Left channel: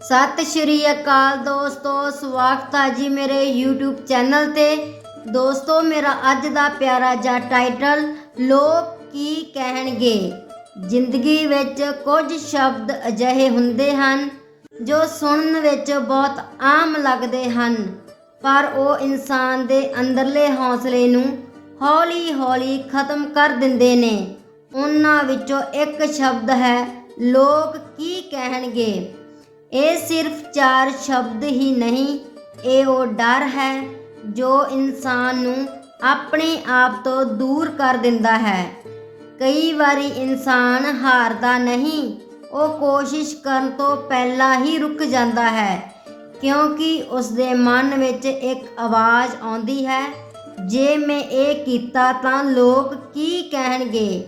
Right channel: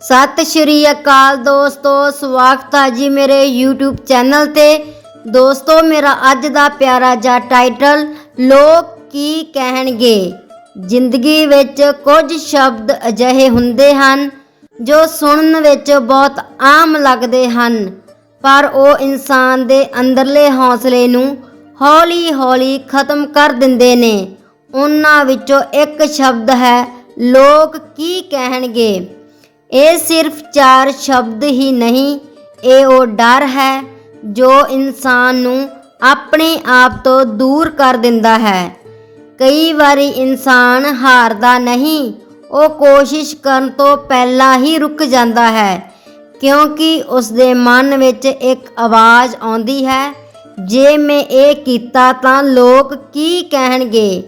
ਸਤਿ ਸ਼੍ਰੀ ਅਕਾਲ ਦੋਸਤੋ, ਸਵਾਗਤ ਹੈ ਜੀ ਮੇਰੇ YouTube ਚੈਨਲ ਤੇ। ਦੋਸਤੋ, ਮੇਰਾ ਅੱਜ ਦਾ ਪਿਆਰਾ ਜਿਹਾ ਟਾਈਟਲ, ਲੋਕ ਕੀ ਕਹਿਣਗੇ? ਜ਼ਿੰਦਗੀ ਵਿੱਚ ਕੁਝ ਸ਼ਬਦ ਅਜਿਹੇ ਹੁੰਦੇ ਹਨ, ਜੋ ਸੁਣਨ ਵਿੱਚ ਬਹੁਤ ਆਮ ਲੱਗਦੇ ਹਨ, ਪਰ ਉਹ ਇਨਸਾਨ ਦੇ ਅੰਦਰਲੇ ਹੌਸਲੇ ਨੂੰ ਹੌਲੀ-ਹੌਲੀ ਖਤਮ ਕਰ ਦਿੰਦੇ ਨੇ। ਉਹਨਾਂ ਵਿੱਚੋਂ ਇੱਕ ਸ਼ਬਦ ਹੈ, ਲੋਕ ਕੀ ਕਹਿਣਗੇ? ਇਹ ਸਿਰਫ ਚਾਰ ਸ਼ਬਦ ਹੀ ਨਹੀਂ, ਇਹ ਉਹ ਡਰ ਹੈ ਜੋ ਇਨਸਾਨ ਨੂੰ ਆਪਣੇ ਆਪ ਤੋਂ ਦੂਰ ਕਰ ਦਿੰਦਾ ਹੈ। ਕਈ ਵਾਰੀ ਇਨਸਾਨ ਹਾਰਦਾ ਨਹੀਂ, ਉਹ ਕੋਸ਼ਿਸ਼ ਕਰਨ ਤੋਂ ਪਹਿਲਾਂ ਹੀ ਰੁਕ ਜਾਂਦਾ ਹੈ, ਕਿਉਂਕਿ ਉਸ ਦੇ ਮਨ ਵਿੱਚ ਇੱਕ ਆਵਾਜ਼ ਆਉਂਦੀ ਹੈ, ਜੇ ਮੈਂ ਇਹ ਕੀਤਾ ਤਾਂ ਲੋਕ ਕੀ ਕਹਿਣਗੇ?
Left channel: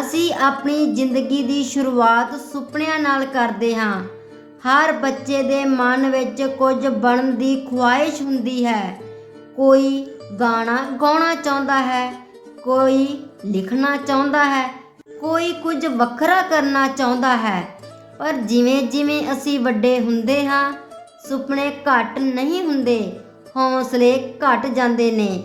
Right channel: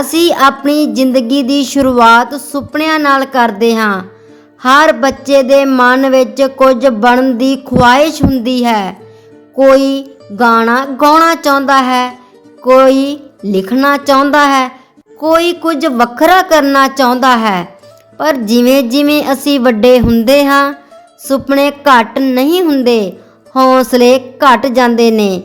ਅਸੀਂ ਆਪਣੀ ਜ਼ਿੰਦਗੀ ਦੀ ਸ਼ੁਰੂਆਤ ਸੁਪਨਿਆਂ ਨਾਲ ਕਰਦੇ ਹਾਂ। ਹਰ ਬੱਚੇ ਦੇ ਮਨ ਵਿੱਚ ਕੁਝ ਬਣਨ ਦੀ ਖੁਆਇਸ਼ ਹੁੰਦੀ ਹੈ। ਕੋਈ ਗਾਣਾ ਗਾਉਣਾ ਚਾਹੁੰਦਾ ਹੈ, ਕੋਈ ਲਿਖਣਾ ਚਾਹੁੰਦਾ ਹੈ, ਕੋਈ ਕੁਝ ਵੱਖਰਾ ਕਰਨਾ ਚਾਹੁੰਦਾ ਹੈ। ਪਰ ਜਿਵੇਂ ਜਿਵੇਂ ਅਸੀਂ ਵੱਡੇ ਹੁੰਦੇ ਹਾਂ, ਸੁਪਨੇ ਘੱਟ ਨਹੀਂ ਹੁੰਦੇ, ਹੌਸਲੇ ਘਟ ਜਾਂਦੇ ਨੇ।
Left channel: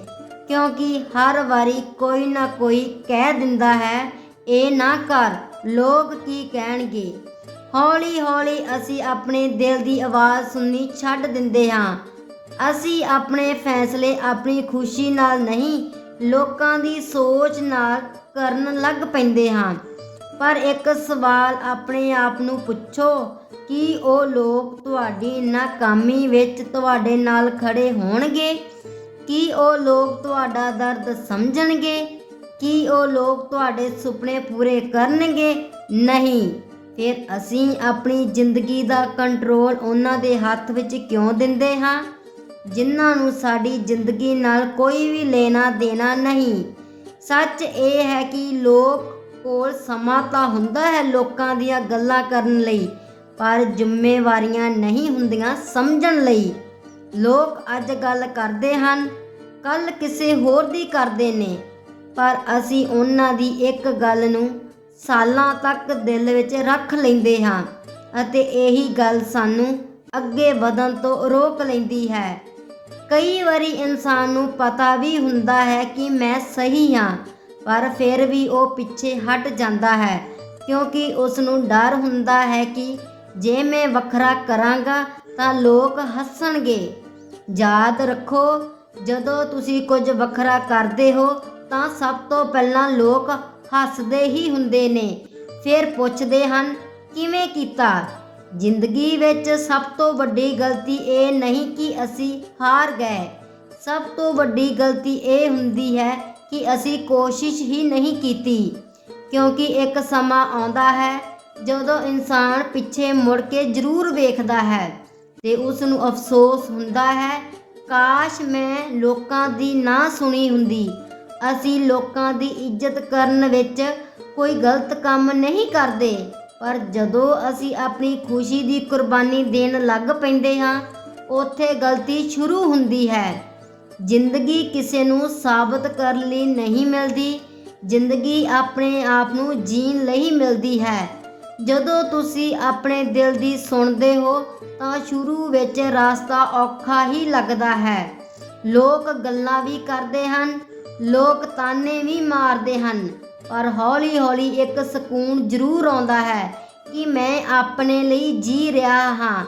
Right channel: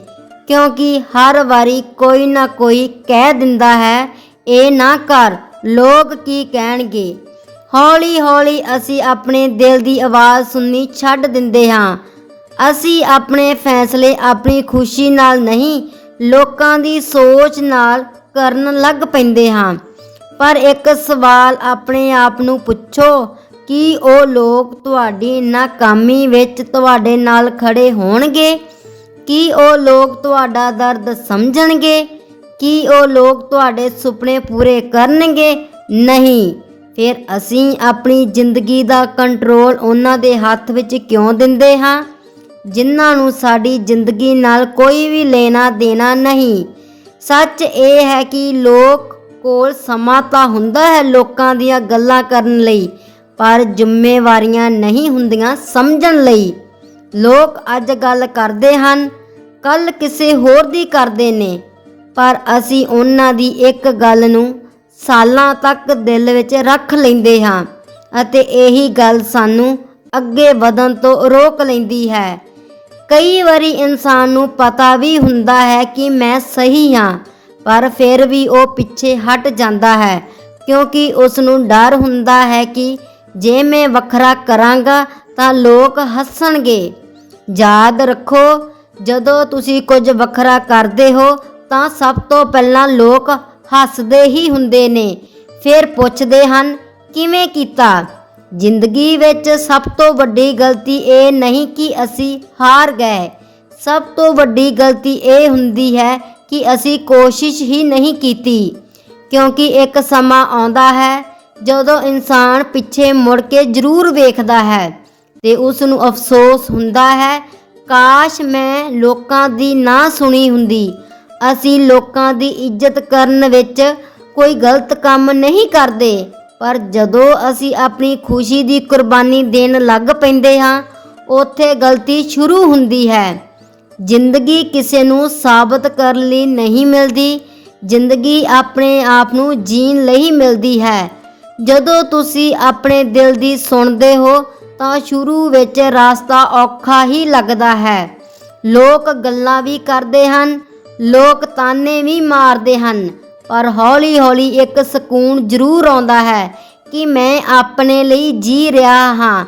ਕਿਉਂਕਿ ਹਰ ਵਾਰੀ ਕੋਈ ਨਾ ਕੋਈ ਕਹਿ ਦਿੰਦਾ ਹੈ, ਇਹ ਨਾ ਕਰ, ਲੋਕ ਕੀ ਕਹਿਣਗੇ? ਹੌਲੀ ਹੌਲੀ ਅਸੀਂ ਆਪਣੇ ਦਿਲ ਦੀ ਆਵਾਜ਼ ਸੁਣਨੀ ਛੱਡ ਦਿੰਦੇ ਹਾਂ। ਅਸੀਂ ਆਪਣੇ ਫੈਸਲੇ ਆਪਣੀ ਖੁਸ਼ੀ ਨਾਲ ਨਹੀਂ, ਲੋਕਾਂ ਦੀ ਸੋਚ ਨਾਲ ਕਰਨ ਲੱਗ ਪੈਂਦੇ ਹਾਂ। ਪਰ ਇੱਕ ਸਵਾਲ ਆਪਣੇ ਆਪ ਨੂੰ ਪੁੱਛੋ, ਕਿ ਉਹ ਲੋਕ ਤੁਹਾਡੀ ਨਾਕਾਮੀ ਵਿੱਚ ਤੁਹਾਡੇ ਨਾਲ ਖੜੇ ਹੋਣਗੇ? ਕੀ ਉਹ ਲੋਕ ਤੁਹਾਡਾ ਦਰਦ ਸਮਝਣਗੇ? ਕੀ ਉਹ ਲੋਕ ਤੁਹਾਡੇ ਸੁਪਨੇ ਪੂਰੇ ਕਰਨਗੇ? ਨਹੀਂ। ਫਿਰ ਅਸੀਂ ਆਪਣੀ ਜ਼ਿੰਦਗੀ ਦਾ ਕੰਟਰੋਲ ਉਹਨਾਂ ਦੇ ਹੱਥ ਵਿੱਚ ਕਿਉਂ ਦਿੰਦੇ ਹਾਂ? ਜਿਨ੍ਹਾਂ ਨੂੰ ਸਾਡੀ ਜ਼ਿੰਦਗੀ ਨਾਲ ਕੋਈ ਵੀ ਲੈਣਾ ਦੇਣਾ ਨਹੀਂ। ਸੱਚ ਇਹ ਹੈ ਕਿ ਲੋਕ ਕੋਲ ਸਮਾਂ ਤਾਂ ਹੁੰਦਾ ਹੈ ਲੋਕਾਂ ਦੀਆਂ ਗੱਲਾਂ ਕਰਨ ਲਈ, ਪਰ ਜ਼ਿੰਮੇਵਾਰੀਆਂ ਨਹੀਂ ਹੁੰਦੀਆਂ ਸਮਝਣ ਲਈ। ਲੋਕ ਅੱਜ ਗੱਲ ਕਰਦੇ ਹਨ ਕੱਲ ਕਿਸੇ ਹੋਰ ਦੀ ਕਰਦੇ ਨੇ। ਪਰ ਅਸੀਂ ਉਹਨਾਂ ਦੀ ਇੱਕ ਗੱਲ ਨੂੰ ਸਾਲਾਂ ਤੱਕ ਦਿਲ ਵਿੱਚ ਰੱਖ ਲੈਂਦੇ ਹਾਂ ਅਤੇ ਇਹੀ ਗੱਲ ਸਾਨੂੰ ਅੱਗੇ ਵਧਣ ਤੋਂ ਰੋਕ ਲੈਂਦੀ ਹੈ। ਕਈ ਵਾਰੀ ਇਨਸਾਨ ਨੂੰ ਪਤਾ ਵੀ ਹੁੰਦਾ ਹੈ ਕਿ ਮੈਂ ਸਹੀ ਹਾਂ, ਪਰ ਫਿਰ ਵੀ ਉਹ ਪਿੱਛੇ ਹਟ ਜਾਂਦਾ ਹੈ ਕਿਉਂਕਿ ਉਸ ਨੂੰ ਡਰ ਹੁੰਦਾ ਹੈ ਕਿ ਜੇ ਮੈਂ ਵੱਖਰਾ ਕਰਾਂਗਾ ਤਾਂ ਲੋਕ ਹੱਸਣਗੇ। ਯਾਦ ਰੱਖੋ, ਜਦੋਂ ਤੁਸੀਂ ਕੁਝ ਵੱਖਰਾ ਕਰਦੇ ਹੋ ਤਾਂ ਸਭ ਤੋਂ ਪਹਿਲਾਂ ਲੋਕ ਹੱਸਦੇ ਹੀ ਹੁੰਦੇ ਨੇ। ਫਿਰ ਪੁੱਛਦੇ ਹਨ, ਕਿਵੇਂ ਕੀਤਾ? ਜ਼ਿੰਦਗੀ ਵਿੱਚ ਸਭ ਤੋਂ ਵੱਡੀ ਗਲਤੀ ਇਹ ਨਹੀਂ ਕਿ ਅਸੀਂ ਹਾਰ ਗਏ। ਸਭ ਤੋਂ ਵੱਡੀ ਗਲਤੀ ਇਹ ਹੁੰਦੀ ਹੈ ਕਿ ਅਸੀਂ ਕੋਸ਼ਿਸ਼ ਹੀ ਨਹੀਂ ਕੀਤੀ। ਕਿਉਂਕਿ ਇੱਕ ਸਮਾਂ ਆਉਂਦਾ ਹੈ ਜਦੋਂ ਇਨਸਾਨ ਪਿੱਛੇ ਮੁੜ ਕੇ ਜ਼ਰੂਰ ਵੇਖਦਾ ਹੈ ਤੇ ਉਸ ਨੂੰ ਅਫਸੋਸ ਹੁੰਦਾ ਹੈ, ਕਾਸ਼ ਮੈਂ ਲੋਕਾਂ ਦੀ ਨਾ ਸੁਣੀ ਹੁੰਦੀ। ਅਸੀਂ ਲੋਕਾਂ ਦੀ ਇੱਜ਼ਤ ਕਰਨ ਵਿੱਚ ਕੋਈ ਗਲਤ ਕੰਮ ਨਹੀਂ ਕਰਦੇ। ਪਰ ਜਦੋਂ ਅਸੀਂ ਆਪਣੀ ਖੁਸ਼ੀ ਦੀ ਕੁਰਬਾਨੀ ਦੇਣ ਲੱਗ ਪੈਂਦੇ ਹਾਂ, ਉੱਥੇ ਗਲਤੀ ਸ਼ੁਰੂ ਹੁੰਦੀ ਹੈ। ਜ਼ਿੰਦਗੀ ਕਿਸੇ ਨੂੰ ਸਾਬਤ ਕਰਨ ਲਈ ਨਹੀਂ ਮਿਲਦੀ, ਜ਼ਿੰਦਗੀ ਆਪਣੇ ਆਪ ਨੂੰ ਜੀਣ ਲਈ ਮਿਲਦੀ ਹੈ। ਜਦੋਂ ਤੁਸੀਂ ਆਪਣੇ ਦਿਲ ਦੀ ਸੁਣਦੇ ਹੋ, ਤਾਂ ਸ਼ੁਰੂ ਵਿੱਚ ਰਸਤਾ ਔਖਾ ਹੀ ਲੱਗਦਾ ਹੈ। ਲੋਕ ਗੱਲਾਂ ਵੀ ਕਰਦੇ ਹਨ ਲੋਕ ਤਾਨੇ ਵੀ ਮਾਰਦੇ ਹਨ ਪਰ ਹੌਲੀ-ਹੌਲੀ ਇੱਕ ਸਕੂਨ ਜ਼ਰੂਰ ਆਉਂਦਾ ਹੈ ਕਿ ਮੈਂ ਆਪਣੇ ਲਈ ਜੀ ਰਿਹਾ ਹਾਂ।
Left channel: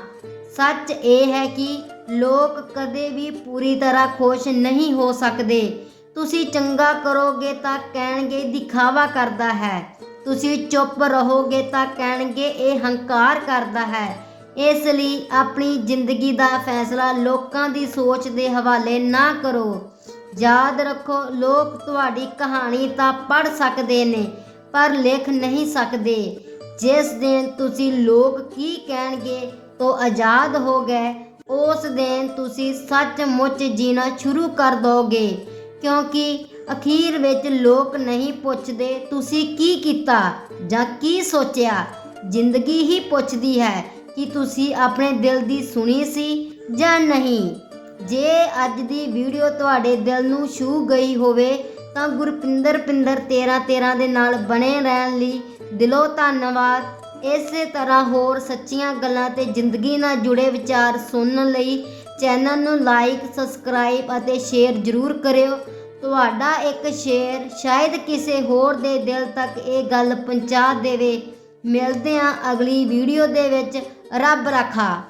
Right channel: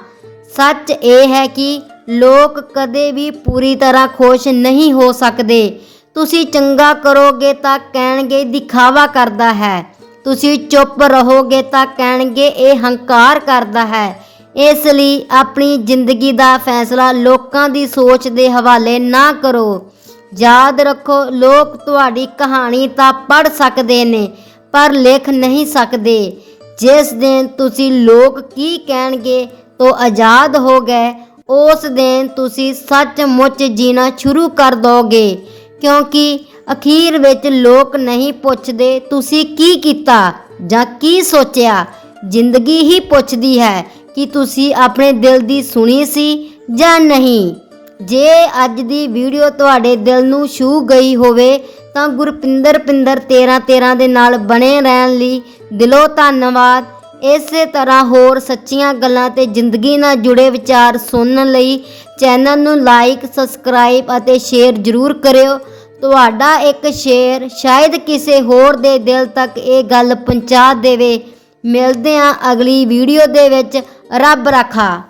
ਸੱਚ ਇਹ ਹੈ ਕਿ ਲੋਕ ਕਦੇ ਵੀ ਪੂਰੀ ਤਰ੍ਹਾਂ ਖੁਸ਼ ਨਹੀਂ ਹੋ ਸਕਦੇ। ਤੁਸੀਂ ਚੰਗਾ ਕਰੋਗੇ ਤਾਂ ਕਹਿਣਗੇ, ਦਿਖਾਵਾ ਕਰਦਾ ਹੈ। ਤੁਸੀਂ ਚੁੱਪ ਰਹੋਗੇ ਤਾਂ ਕਹਿਣਗੇ, ਇਹ ਹੰਕਾਰ ਕਰਦਾ ਹੈ। ਇਸ ਲਈ ਆਪਣੀ ਜ਼ਿੰਦਗੀ ਦਾ ਫੈਸਲਾ ਲੋਕਾਂ ਦੀ ਸੋਚ ਦੇ ਹਵਾਲੇ ਨਾ ਕਰੋ। ਯਾਦ ਰੱਖੋ, ਲੋਕ ਤੁਹਾਡੀ ਕਹਾਣੀ ਤਾਂ ਪੜ੍ਹ ਸਕਦੇ ਨੇ, ਪਰ ਲਿਖ ਨਹੀਂ ਸਕਦੇ। ਜਿਸ ਦਿਨ ਤੁਸੀਂ ਲੋਕ ਕੀ ਕਹਿਣਗੇ ਤੋਂ ਆਜ਼ਾਦ ਹੋ ਗਏ, ਉਸ ਦਿਨ ਤੁਸੀਂ ਸੱਚਮੁੱਚ ਜੀਣਾ ਸ਼ੁਰੂ ਕਰ ਦੋਗੇ। ਕਿਉਂਕਿ ਅਖੀਰ ਵਿੱਚ ਲੋਕ ਨਹੀਂ ਪੁੱਛਦੇ, ਤੁਸੀਂ ਕੀ ਕੀਤਾ ਜਾਂ ਕੀ ਸੋਚਿਆ। ਜ਼ਿੰਦਗੀ ਹੀ ਪੁੱਛਦੀ ਹੈ ਕਿ ਤੁਸੀਂ ਆਪਣੇ ਦਿਲ ਦੀ ਸੁਣੀ ਸੀ ਜਾਂ ਨਹੀਂ। ਜੇ ਅੱਜ ਦੀ ਵੀਡੀਓ ਤੁਹਾਡੇ ਦਿਲ ਨੂੰ ਛੂ ਗਈ ਹੋਵੇ, ਤਾਂ ਗੁਰਪਿੰਦਰ ਪਿੰਦਰ 13 13 ਦੇ ਨਾਲ ਬਣੇ ਰਹਿਣ ਲਈ ਦਿਲੋਂ ਧੰਨਵਾਦ। ਇਸੇ ਤਰ੍ਹਾਂ ਹੋਰ ਸੱਚੀਆਂ ਗੱਲਾਂ ਤੇ ਜ਼ਿੰਦਗੀ ਨਾਲ ਜੁੜੇ ਵਿਚਾਰ ਸੁਣਨ ਲਈ ਚੈਨਲ ਨੂੰ ਲਾਈਕ, ਸਬਸਕ੍ਰਾਈਬ ਅਤੇ ਸ਼ੇਅਰ ਜ਼ਰੂਰ ਕਰਿਓ। ਤੁਹਾਡਾ ਇੱਕ ਸ਼ੇਅਰ ਸ਼ਾਇਦ ਕਿਸੇ ਹੋਰ ਦੇ ਦਿਲ ਤੱਕ ਇਹ ਗੱਲ ਪਹੁੰਚਾ ਦੇਵੇ। ਮਿਲਦੇ ਹਾਂ ਅਗਲੀ ਵੀਡੀਓ ਦੇ ਵਿੱਚ। ਰੱਬ ਰਾਖਾ।